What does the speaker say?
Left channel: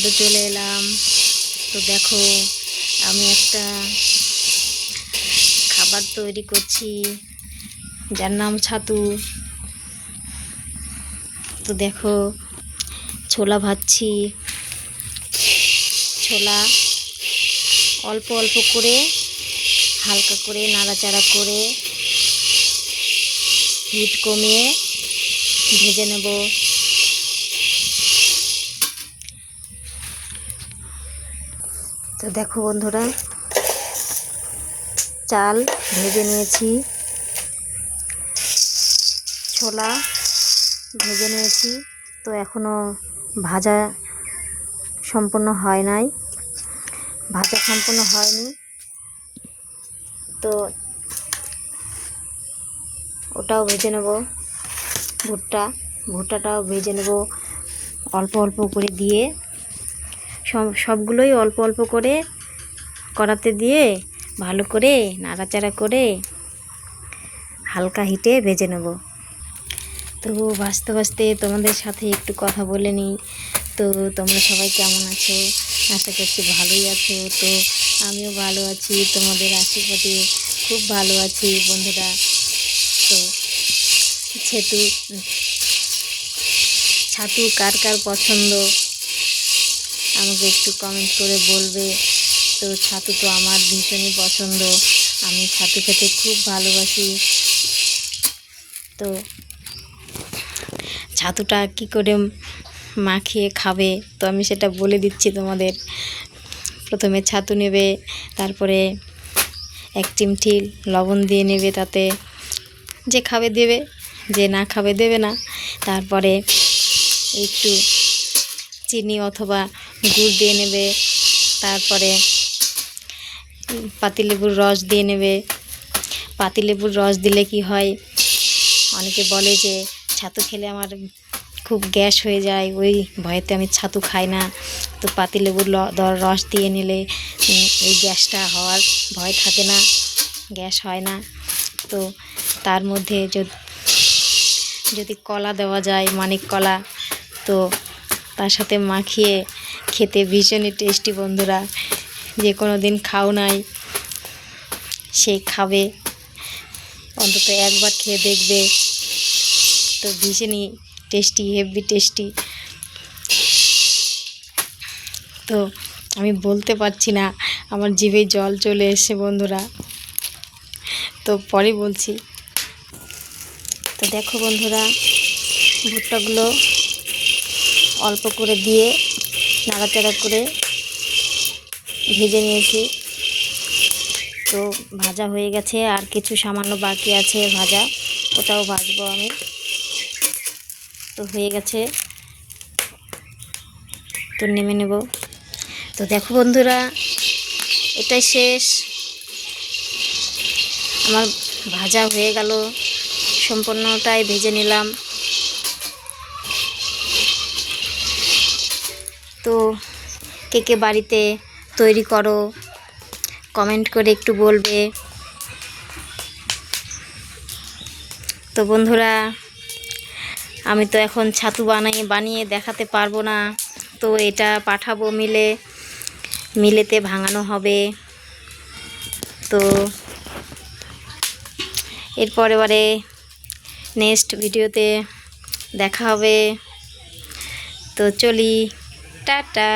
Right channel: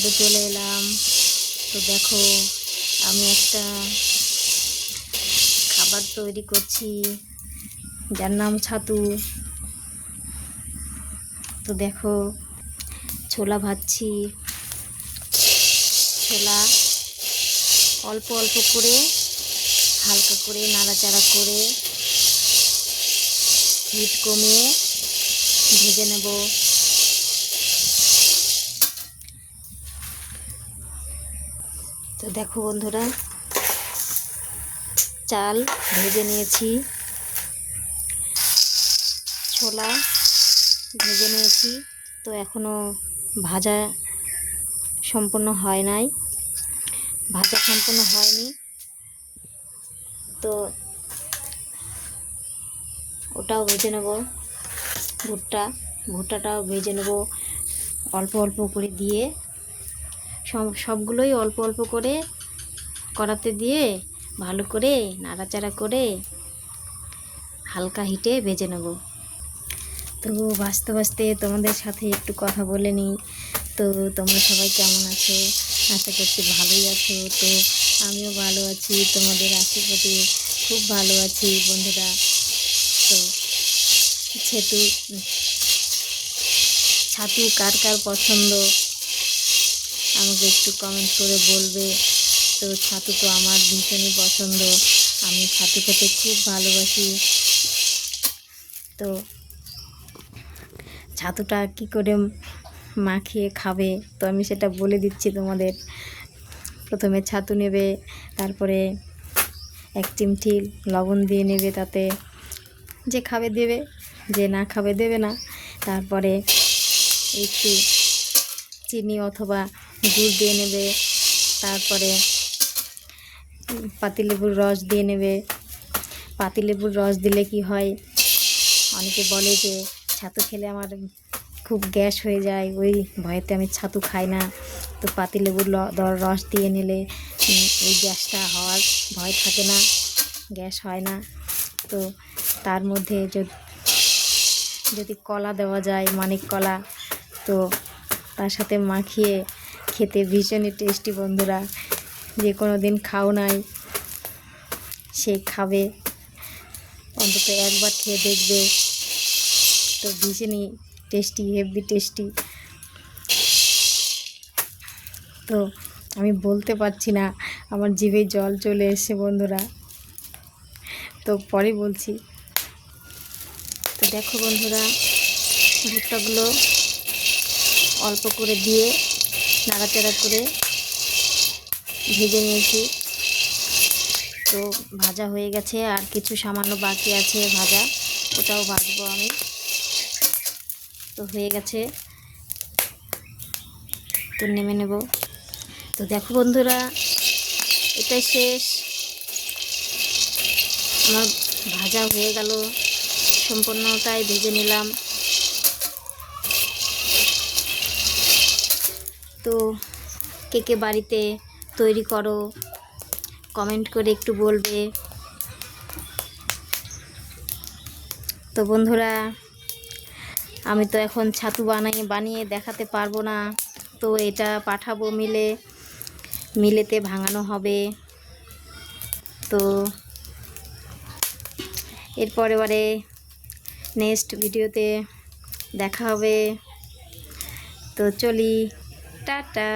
ছাদে চলে এলাম। তো দেখো আমি একটা খাবার তৈরি করছি যার নাম ছাতু। তো দেখো ছোলা ভাজছি। ছোলা অল্প অল্প করে হালকা করে নাড়াচাড়া করে হিট কমিয়ে ভেজে নেব। তো দেখো বন্ধুরা, চাল ভেজে নিয়েছি, ছোলা ভেজে নিয়েছি। তো এখনো ভাজা সম্পূর্ণ হয়নি। তো ওটাও ভেজে নেব। ভুট্টাটাও ভেজে নেব অল্প অল্প করে দিয়ে। সবগুলোই অল্প অল্প করে কড়াতে দিয়ে ভালো করে নাড়াচাড়া করে হালকা হিটে ভেজে নেব। তো ভাজতে ভাজতে তোমাদের সাথে একটু কথা বলে নিই। তো তোমরা সবাই কেমন আছো? আশা করছি ভালোই আছো। তো আমিও ভালো আছি, তোমাদের আশীর্বাদে খুব ভালো আছি বন্ধুরা। তো ছাতু কার কার পছন্দ আমাকে একটু কমেন্ট করে বলবে। তো ছাতু তো আমার ভীষণই পছন্দ, আমি ছাতু খেতে খুব ভালোবাসি। তো ছাতুটা কী করে মাখিয়ে খাবে তো আমি সেটা বলে দিচ্ছি তোমাদের। প্রথমে ছাতু নেবে, তারপরে 1 চিমটি লবণ দিয়ে নেবে, তাতে যে খাবে দেবে, যে না খাবে দেবে না। তারপরে একটু চিনি অথবা গুড় দিয়ে নেবে। তারপরে পাতিলেবুর রস দিয়ে নেবে। পাতিলেবুর রস দিলে কি হয়, অনেকে বলে যে ছাতু খেলে আমার খুব গ্যাস হয়ে যায়, ওই ভয়েতে আমি ছাতু খাই না। তো পাতিলেবুর রস দিয়ে নিলে এই গ্যাসটা হওয়ার ভয় থাকে না, গ্যাস হয় না। তো তার মধ্যে যদি কলা দেওয়া যায়, মানিক কলা, তো তার সাথে মাখিয়ে খেতে ভীষণই টেস্টি বন্ধুরা। যে কোনো দিন খাও নাই সে খাবে, অন্তত একবার খেয়ে দেখবে। তো ভীষণই টেস্টি, হেভি টেস্টি। তো আমি বলতে পারছি না, আমার জিভে জল চলে এসেছে বন্ধুরা। তো পরে বলছি। তো দেখো বন্ধুরা, ভুট্টাগুলো অল্প করে দিয়ে নাড়াচাড়া করে ভেজে নিয়েছি। তো ভাজা হয়ে গেছে, আর কিছু সামান্য বাকি আছে ভাজা, ওটাও ভাজবো আমি। তো হয়ে গেছে, তো নেমে নেব। তো দেখো বন্ধুরা, এটাই শেষ, আমার ভাজা হয়ে গেল, সম্পূর্ণটাই ভেজে নিলাম। তো কে বাড়িতে তৈরি করো কমেন্ট করে একটু বলবে। তো বন্ধুরা, আমি তো এখন ছাতু বানিয়ে দেখাতে পারবো না। তো এটা পাঠাবো মিলেতে ভাঙানো হবে। তো এরপরে নেক্সট ভিডিওতে দেখা হবে। তো চলি, টাটা।